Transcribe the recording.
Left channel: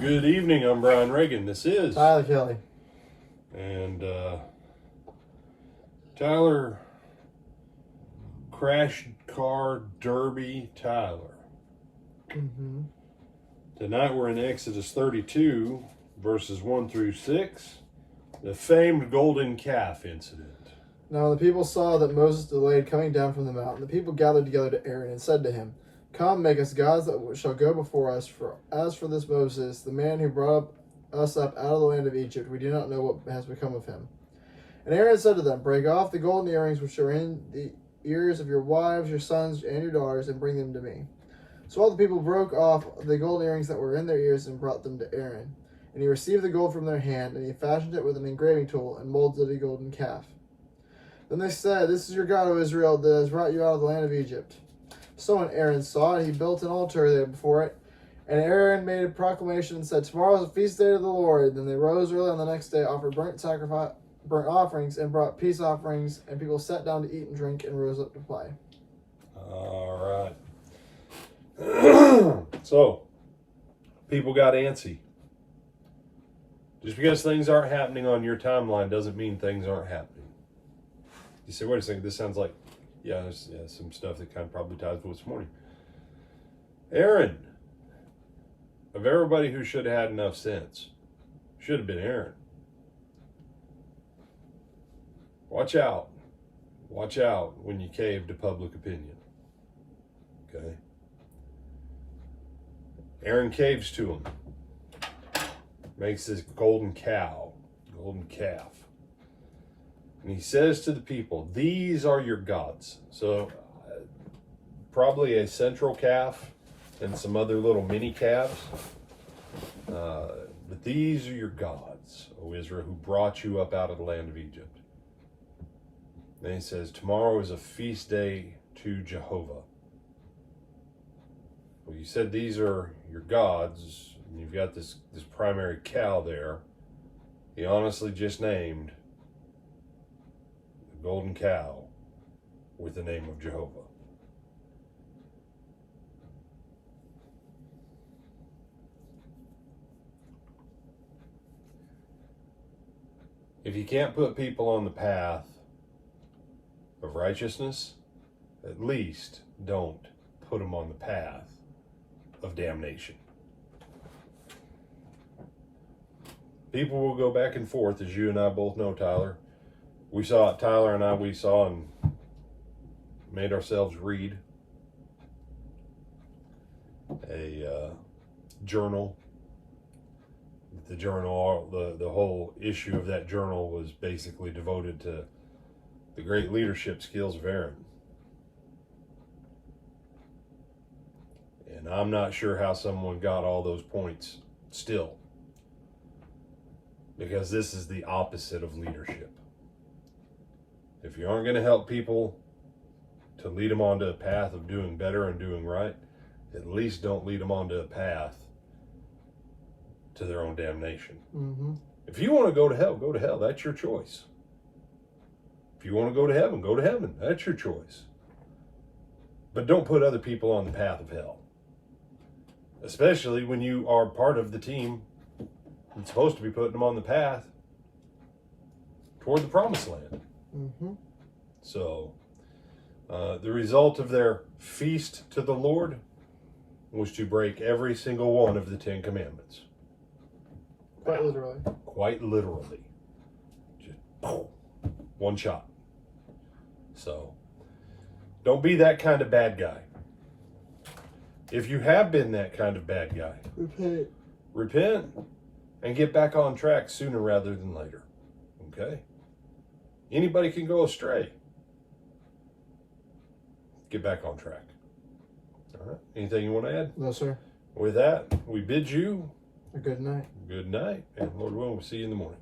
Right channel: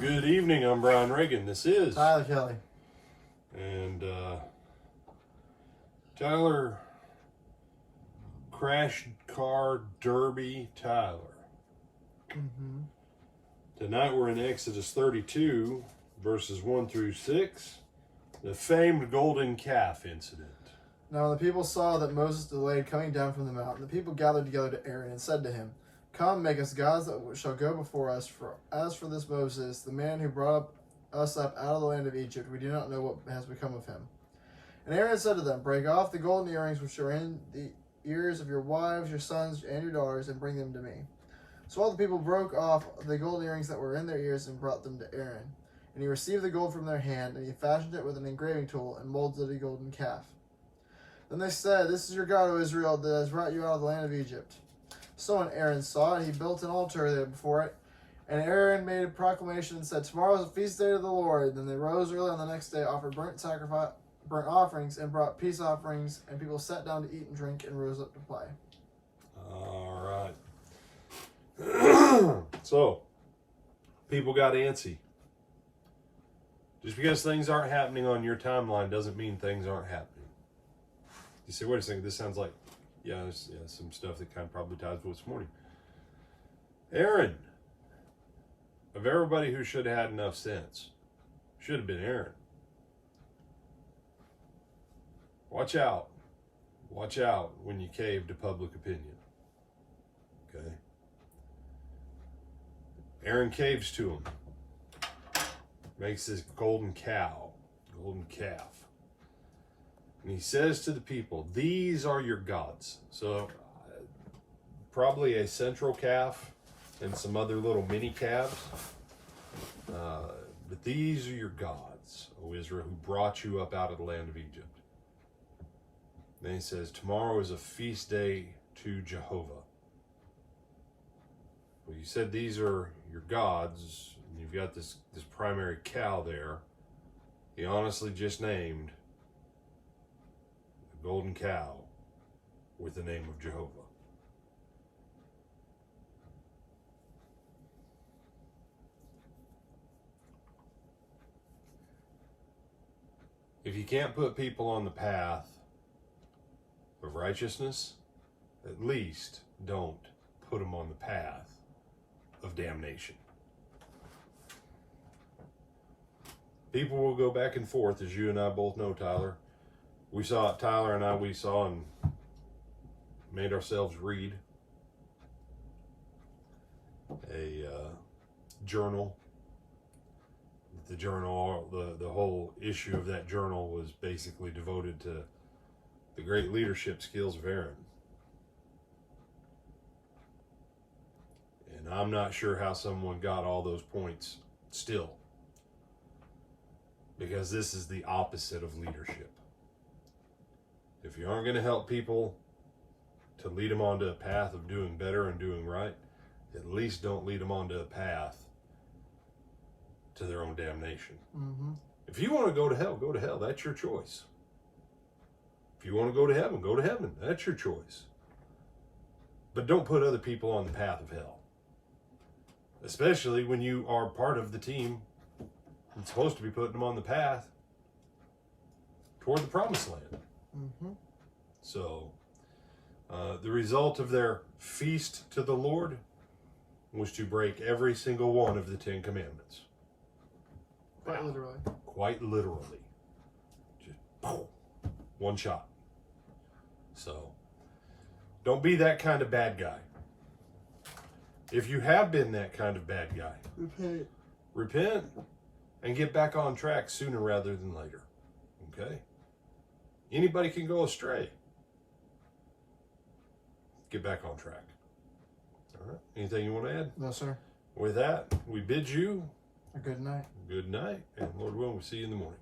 Good evening, I'm Brian Reagan. This is Tyler Kelly. And Tyler Crash Car Derby Tyler. Mm-hmm. Tonight we're in Exodus 32, verses 1 through 6, the famed golden calf incident. Now when the people saw that Moses delayed coming down from the mountain, the people gathered together to Aaron and said to him, "Come, make us gods that shall go before us. For as for this Moses, the man who brought us up out of the land of Egypt, we do not know what has become of him." And Aaron said to them, "Break off the golden earrings which are in the ears of your wives, your sons, and your daughters, and bring them to me." So all the people broke off the golden earrings that were in their ears and brought them to Aaron. And he received the gold from their hand, and he fashioned it with an engraving tool, and molded a golden calf. Then they said, "This is your God, O Israel, that has brought you out of the land of Egypt." So when Aaron saw it, he built an altar there before it. And Aaron made a proclamation and said, "Tomorrow is a feast day to the Lord." Then they rose early on the next day, offered burnt offerings, and brought peace offerings. And people sat down to eat and drink and rose up to play. All right. So, people got antsy. Just because things aren't happening on your timeline doesn't mean things aren't happening. You say, wait a second, this sounds like, there's some stuff that kind of probably ties with this morning. Aaron, of everybody who should have had enough sense, should have been Aaron. Watch out. Watch out when you cave to public opinion. Okay? Aaron caves to him. Makes this golden calf. And he says to the people, "These are your gods." So probably a central calf and some other little mini calves. But these are your gods, O Israel, who brought you up out of the land of Egypt. Then he says, "Tomorrow is a feast day to Jehovah." Well, you said these are your gods, and you've got this primary cow there. He honestly just named the golden cow with the name of Jehovah. If you can't put people on the path of righteousness, at least don't put them on the path of damnation. People will go back and forth, as you and I both know, Tyler. Tyler and I saw and made ourselves read a journal. The journal, the whole issue of that journal was basically devoted to the great leadership skills of Aaron. And I'm not sure how someone got all those points still. Because this is the opposite of leadership. If you aren't going to help people to lead them onto a path of doing better and doing right, at least don't lead them onto a path to their own damnation. Mm-hmm. If you want to go to hell, go to hell. That's your choice. If you want to go to heaven. That's your choice. But don't put other people on the path of hell. Especially when you are part of the team that's supposed to be putting them on the path toward the promised land. Mm-hmm. So, the result of their feast to the Lord was to break every single one of the 10 Commandments. Quite literally. Quite literally. Just boom, one shot. So, don't be that kind of bad guy. If you have been that kind of bad guy, repent and get back on track sooner rather than later. Okay? Anybody can go astray. Get back on track. All right. Anything you want to add? No, sir. With that, we bid you A good night. good night, and Lord willing, we'll see you in the morning.